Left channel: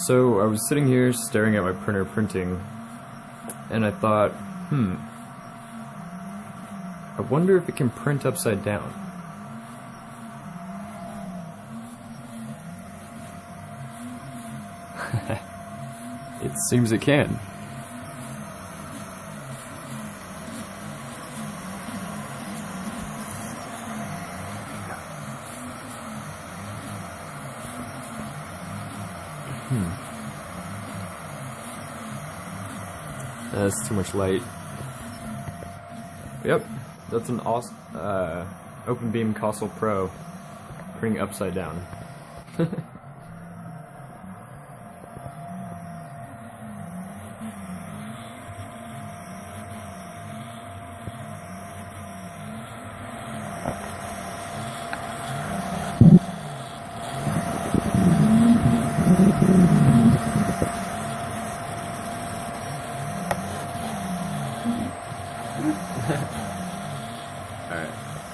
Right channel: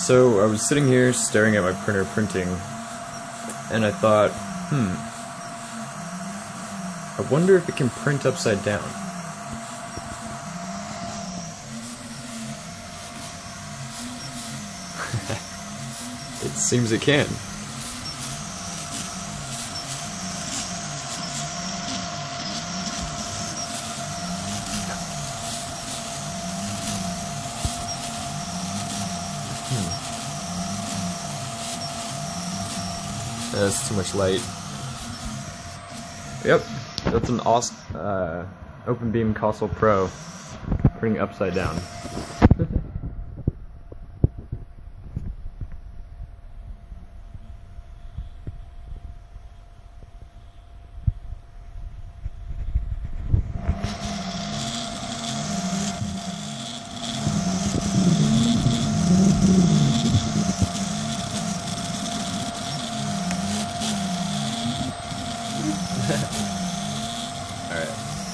So I was sitting here staring at my printer printing, and I thought, I wonder if it can print upside down. It seems it can. That's too much light. Yep, that's an awesome OpenBeam Kossel Pro printing upside down. Alright.